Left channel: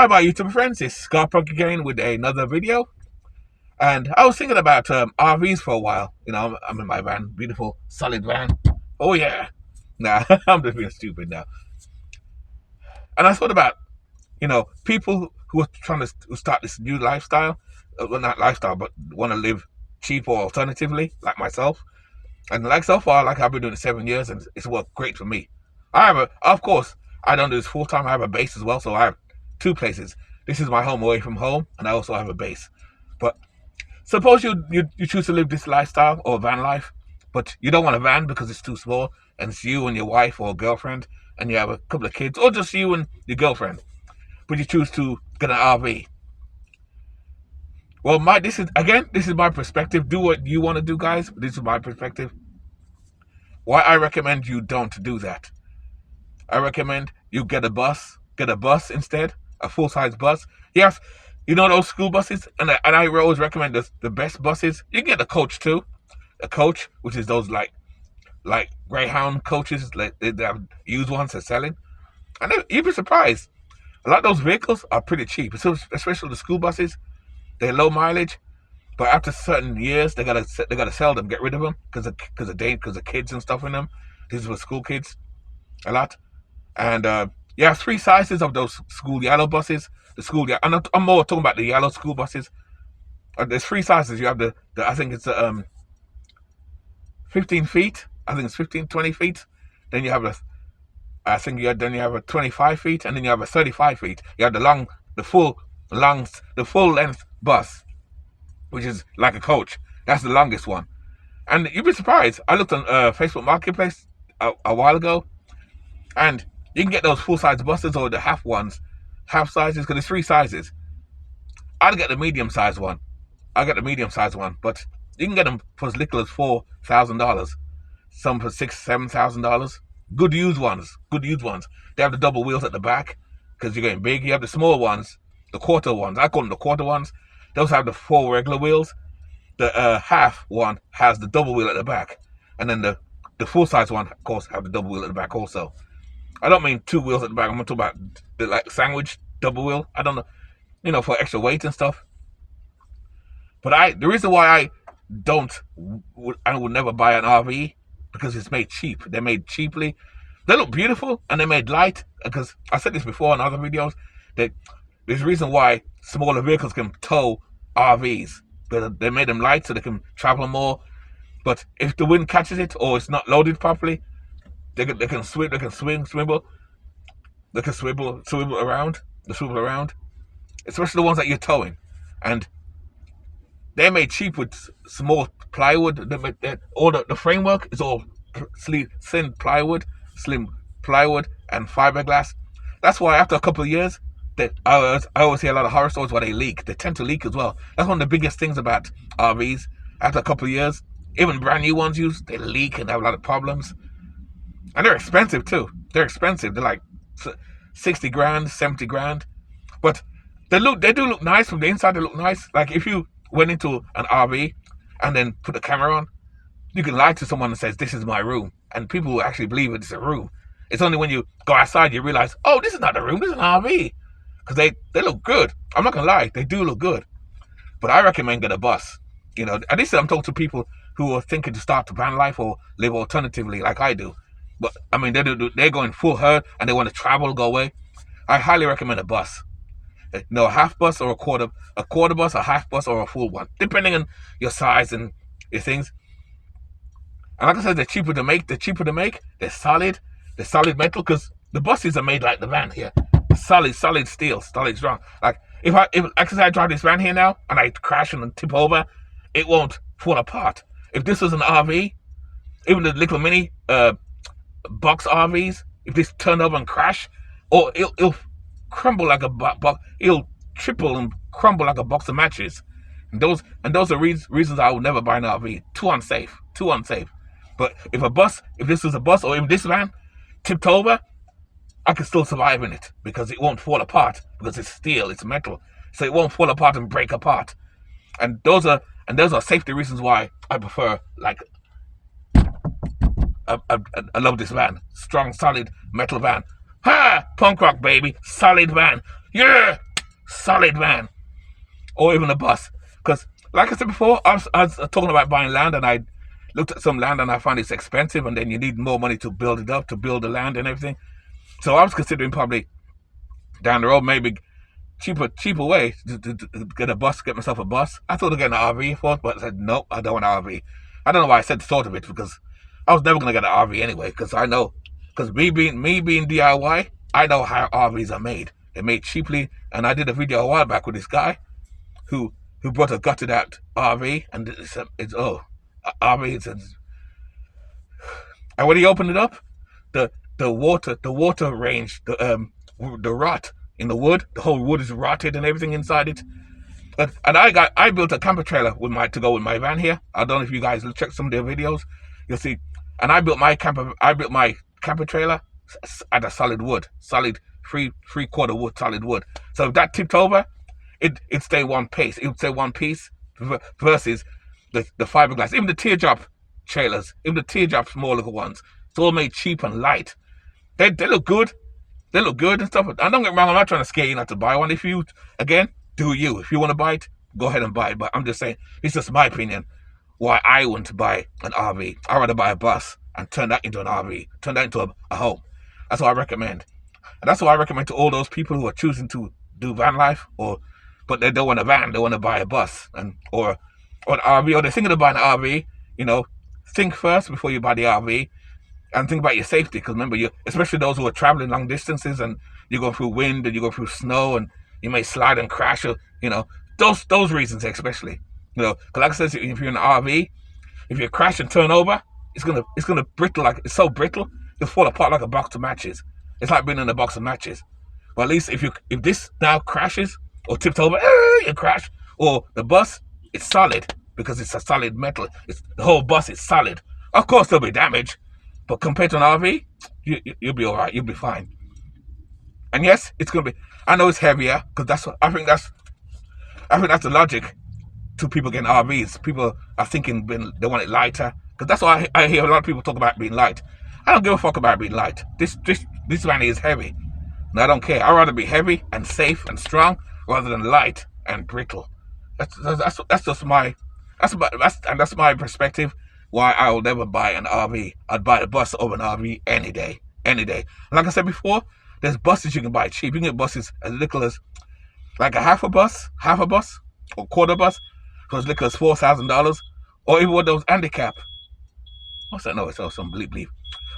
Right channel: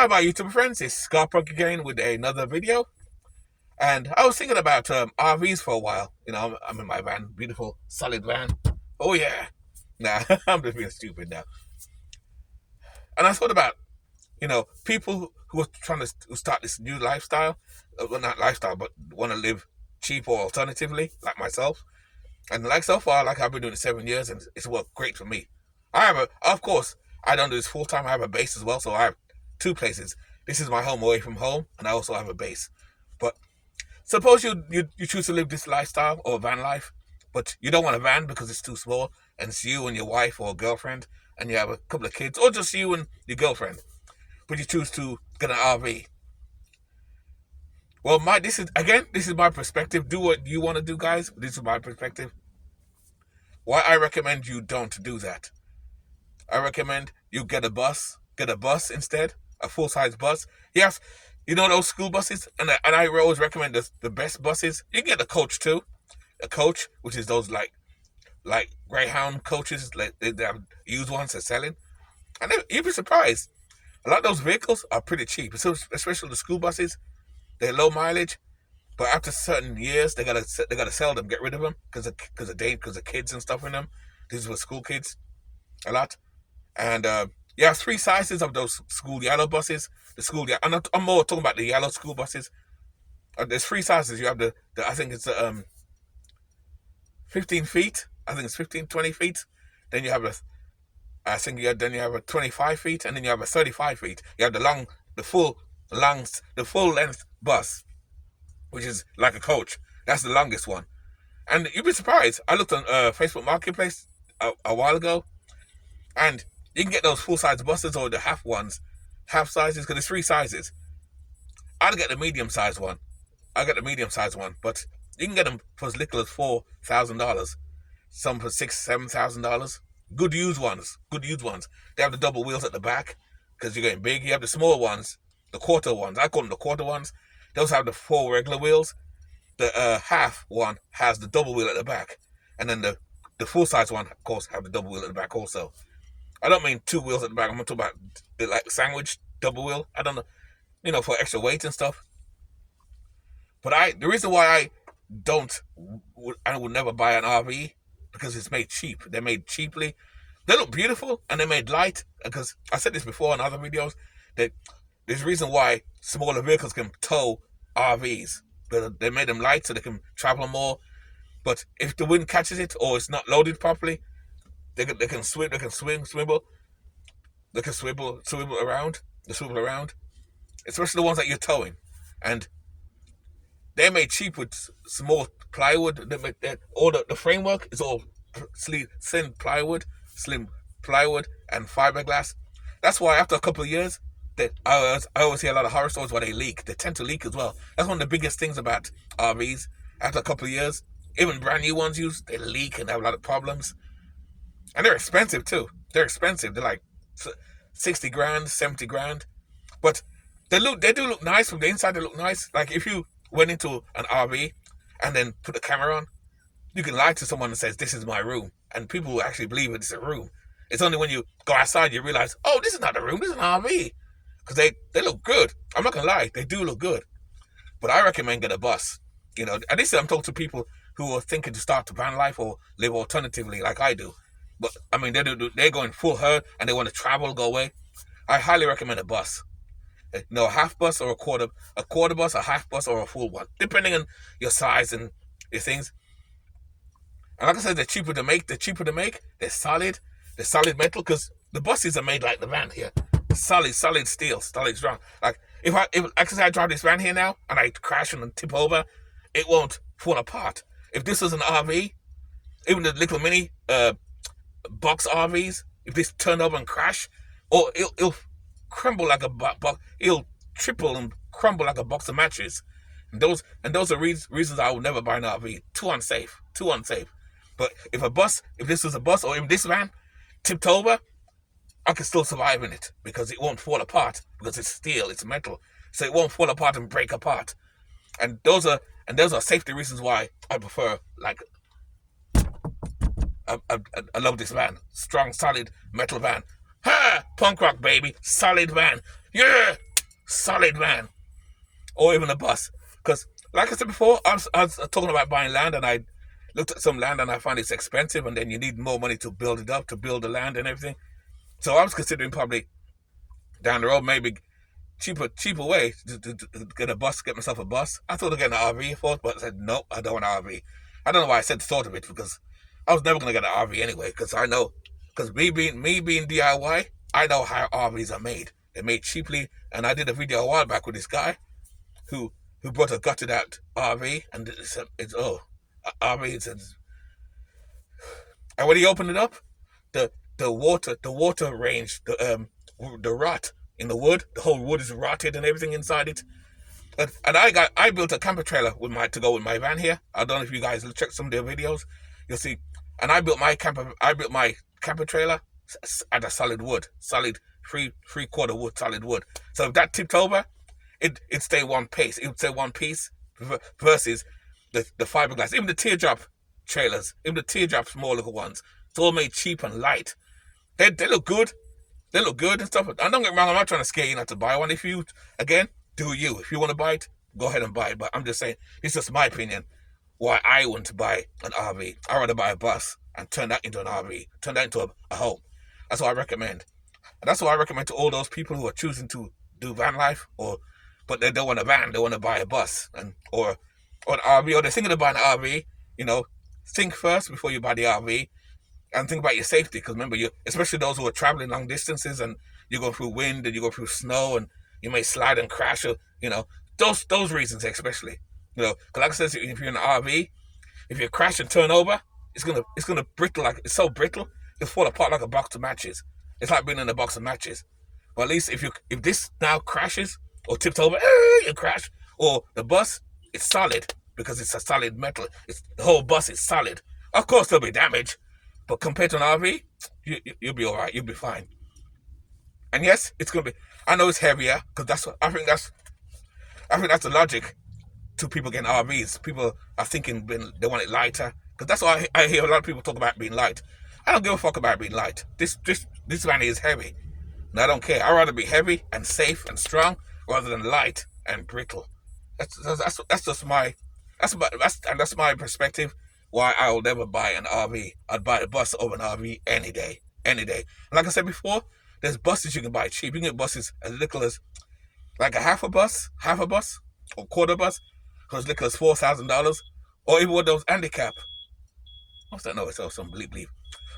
Hi, my YouTube friends. It's Scott Punk again with another video. And I was thinking about RVs for a while. You know, I'm in my van, beautiful, solid van. Oh yeah. Nah, I'm just being stupid now. And I thought about, people who are trying to start this new lifestyle. Well, not lifestyle, but want to live cheap or alternatively, like myself. And like so far, like I've been doing it 7 years, and it's worked great for me. Of course, I don't do this full time. I have a base as well, so I have two places. This is my home away from home, and I also have a base. But suppose you choose to live this lifestyle or van life, but you don't want a van because it's too small, and it's you and your wife or girlfriend, and you have a couple of kids, or just you and your girlfriend. But you choose to get an RV. Well, this is my perspective. Do what you want to do, guys. This is my perspective. Why I recommend you don't do that. I recommend you get a bus instead, a full-size bus. Yes, you know those school buses, and I always recommend the best buses. You can get a coach too, a coach, which is those like Greyhound coaches. They have used ones they're selling, and you'd be surprised. A lot of those vehicles are pretty cheap, especially the school buses. They're low mileage, but after certain years, they gotta sell them, get rid of them because of kids and stuff in them. These were school kids, a lot, and you have three sizes of those school yellow buses. I'm more talking about the yellow school buses. There's three sizes. You have the I think it's 15 feet. I think it's 15, 20 feet. Then you have then you have a 25 feet, and then you have a 35 feet. You have the full length bus, which is like a coach. That's the longest one. And you'd be surprised. I looked on Facebook Marketplace a while ago, and you can get those full-size buses or the half sizes, because there's three sizes. I'd get the medium-sized one. But you can get them for as little as $4,000. Some for $6,000, $7,000. Good used ones. They have the double wheels at the back, because you're getting big. You have the small ones, the quarter ones. I call them the quarter ones. Those have the four regular wheels. The half one has the double wheel at the back. And then the full-size one, of course, have the double wheel at the back also. I don't mean two wheels at the back. I'm talking about the sandwich double wheel. I don't know, for extra weight and stuff. But the reason why I would never buy an RV, because it's made cheap. They're made cheaply. They look beautiful, and they're made light. Because I said this before in other videos, that there's a reason why smaller vehicles can tow RVs. They made them light so they can travel more. But if the wind catches it or it's not loaded properly, they can swivel around, especially the ones that you're towing. And they're made cheap with small plywood. The framework is all slim plywood and fiberglass. That's why after a couple of years, I always hear a lot of horror stories where they leak. They tend to leak as well. That's one of the biggest things about RVs. After a couple of years, even brand new ones they leak and have a lot of problems. And they're expensive too. They're like 60 grand, 70 grand. But they do look nice from the inside. They look nice. Like if you went into an RV and then put the camera on, you can lie to someone and say, "This is my room," and people will actually believe it's a room. It's only when you go outside you realize, oh, this is not a room, this is an RV. Because they look good. I'm not gonna lie, they do look good. But I recommend get a bus. And this I'm talking to people who are thinking to start a van life or live alternatively like I do. But I mean, they're going full herd and they want to travel, go away. I highly recommend a bus. A half bus or a quarter bus, a half bus or a full one, depending on your size and your things. And like I said, they're cheaper to make. They're solid. They're solid metal, because the buses are made like the van here. Solid steel, solid strong. Like if I drive this van here now and I crash and tip over, it won't fall apart. If this was an RV, even the little mini box RVs, if this turned over and crash, or it'll crumble like a box. It'll triple and crumble like a box of matches. And those are reasons I will never buy an RV. Too unsafe. But if this was a bus, or even this van tipped over, I can still survive in it, because it won't fall apart, because it's steel, it's metal, so it won't fall apart and break apart. And those are safety reasons why I prefer, like, I love this van. Strong, solid metal van. Ha! Punk rock, baby. Solid van. Yeah! solid van, or even a bus. Because, like I said before, I was talking about buying land, and I looked at some land and I found it's expensive, and then you need more money to build it up, to build the land and everything. So I was considering probably down the road, maybe cheaper way to get a bus, get myself a bus. I thought of getting an RV first, but I said nope, I don't want an RV. I don't know why I said thought of it, because I was never gonna get an RV anyway. Because I know, because me being DIY, I know how RVs are made. They're made cheaply, and I did a video a while back with this guy who brought a gutted out RV, and it's RV. And when he opened it up, the water range, the rot in the wood, the whole wood is rotted and everything inside it. And I built a camper trailer to go with my van here. I don't know if you guys will check some of their videos, you'll see. And I built my camper trailer out of solid wood, solid three-quarter wood, solid wood. So if that tipped over, it'd stay one piece. It would stay one piece versus the fiberglass. Even the teardrop trailers, even the teardrop small little ones, it's all made cheap and light. They look good. They look good and stuff. And don't get me wrong, I'm not trying to scare you not to buy one. If you, again, do you. If you want to buy it, go ahead and buy it. But I'm just saying, it's just my opinion why I wouldn't buy an RV. I'd rather buy a bus and turn that into an RV, turn that into a home. That's what I recommend. And that's what I recommend to all those people who are choosing to do van life, but they don't want a van, they want to buy a bus or an RV, or they're thinking of buying an RV. Think first before you buy the RV. And think about your safety, because remember, especially those who are traveling long distances and you go through wind and you go through snow and you may slide and crash, those reasons especially. Because like I said, if you're in an RV, if you crash and turn over, it's gonna brittle, it's so brittle, it'll fall apart like a box of matches. It's like being in a box of matches. But at least if this now crashes or tips over, you crash, or the bus, it's solid because it's a solid metal. The whole bus is solid. Of course, there'll be damage. But compared to an RV, you'll be all right. You'll be fine. And yes, it's gonna be. I know it's heavier, because I think that's the logic to people getting RVs. People are thinking they want it lighter, because that's why I hear a lot of people talk about being light. I don't give a fuck about being light. This van is heavy, and I don't care. I'd rather be heavy and safe and strong rather than light and brittle. That's just my perspective. Why I will never buy an RV. I'd buy a bus over an RV any day. And like I said before, there's buses you can buy cheap. You can get buses as little as like a half a bus, or quarter bus, for as little as $4,000, or even one of those handicap. What's that noise? Oh, some bleep.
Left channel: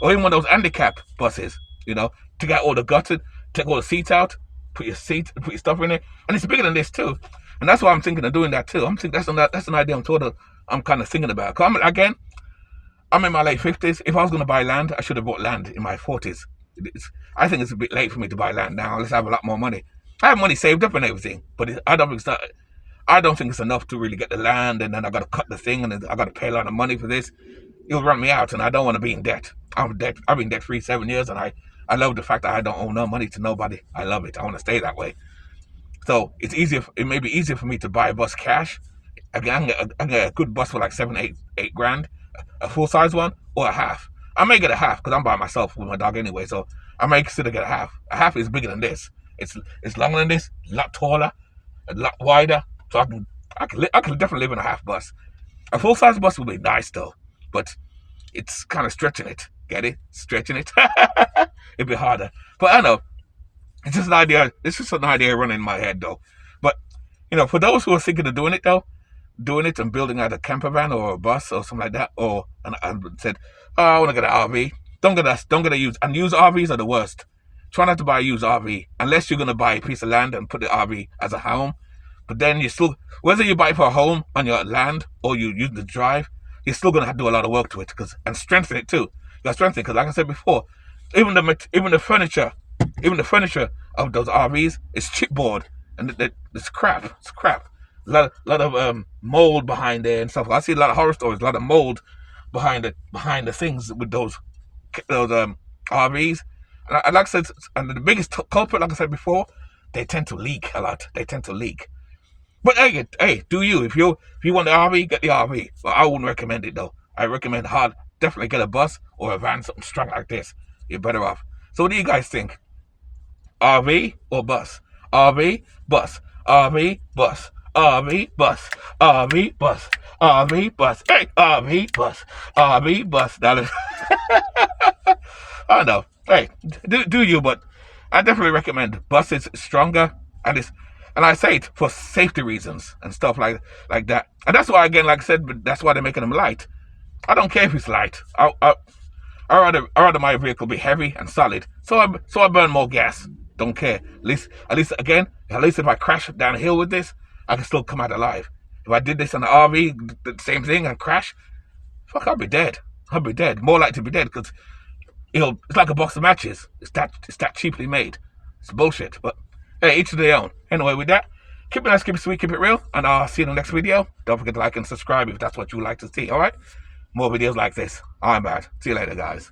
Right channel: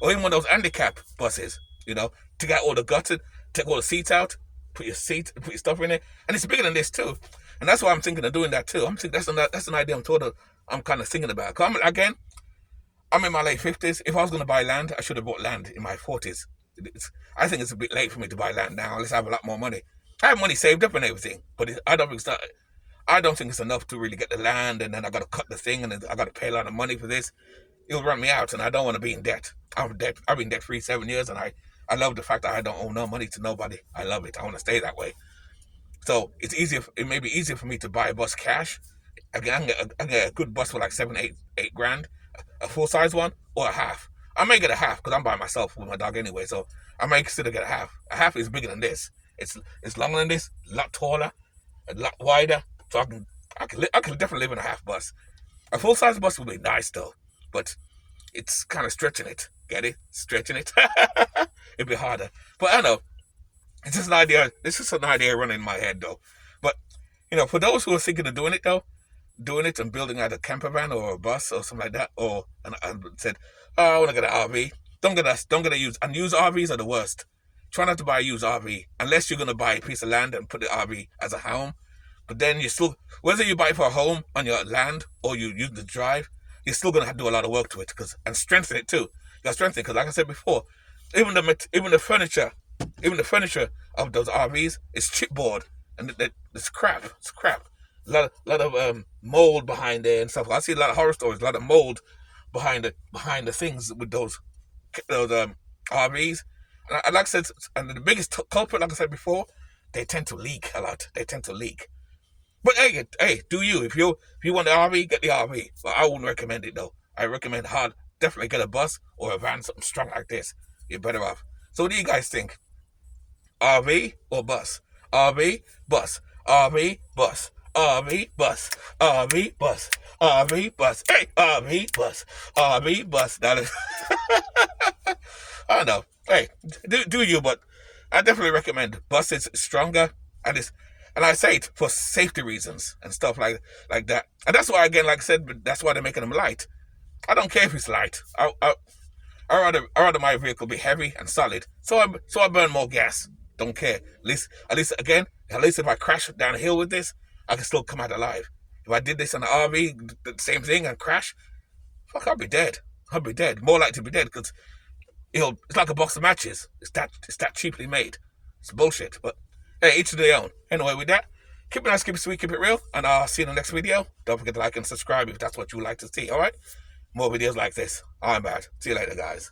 Or even one of those handicap buses. To get all the gutted, take all the seats out, put your stuff in there, and it's bigger than this too. And that's why I'm thinking of doing that too. I'm thinking that's an idea I'm kind of thinking about. I'm in my late 50s. If I was going to buy land, I should have bought land in my 40s. I think it's a bit late for me to buy land now, unless I have a lot more money. I have money saved up and everything, but I don't think it's enough to really get the land, and then I got to cut the thing, and I got to pay a lot of money for this. It'll run me out, and I don't want to be in debt. I've been debt free 7 years, and I love the fact that I don't owe no money to nobody. I love it. I want to stay that way. So it may be easier for me to buy a bus cash. I can get a good bus for like 8 grand, a full size one, or a half. I may get a half because I'm by myself with my dog anyway, so I may consider get a half. A half is bigger than this. It's longer than this, a lot taller, a lot wider. So I can definitely live in a half bus. A full size bus would be nice though, but it's kind of stretching it. Get it? Stretching it. It'd be harder. But I know. It's just an idea. It's just an idea running in my head though. But for those who are thinking of doing it and building out a camper van or a bus or something like that, and said, "Oh, I want to get an RV." Don't get a used. And used RVs are the worst. Try not to buy a used RV unless you're gonna buy a piece of land and put the RV as a home. But then whether you buy it for a home on your land or you use the drive, you're still gonna have to do a lot of work to it and strengthen it too. You gotta strengthen it because, like I said before, even the furniture of those RVs is chipboard, and it's crap. It's crap. A lot of mold behind there and stuff. I see a lot of horror stories. A lot of mold behind the things with those RVs. And like I said, and the biggest culprit, like I said before, they tend to leak a lot. But hey, do you? If you want the RV, get the RV. But I wouldn't recommend it though. I recommend definitely get a bus or a van, something strong like this. You're better off. So what do you guys think? RV or bus? RV, bus, RV, bus, RV, bus, RV, bus, RV, bus, hey, RV, bus, RV, bus. I know. Hey, do you? But I definitely recommend bus is stronger, and I say it for safety reasons and stuff like that. And that's why, again, like I said, that's why they're making them light. I don't care if it's light. I rather my vehicle be heavy and solid, so I burn more gas. Don't care. At least if I crash down a hill with this, I can still come out alive. If I did this on the RV, the same thing, and crash, fuck, I'll be dead. I'll be dead. More likely to be dead because it's like a box of matches. It's that cheaply made. It's bullshit. But hey, each to their own. Anyway, with that, keep it nice, keep it sweet, keep it real, and I'll see you in the next video. Don't forget to like and subscribe if that's what you would like to see. All right, more videos like this. I'm bad. See you later, guys.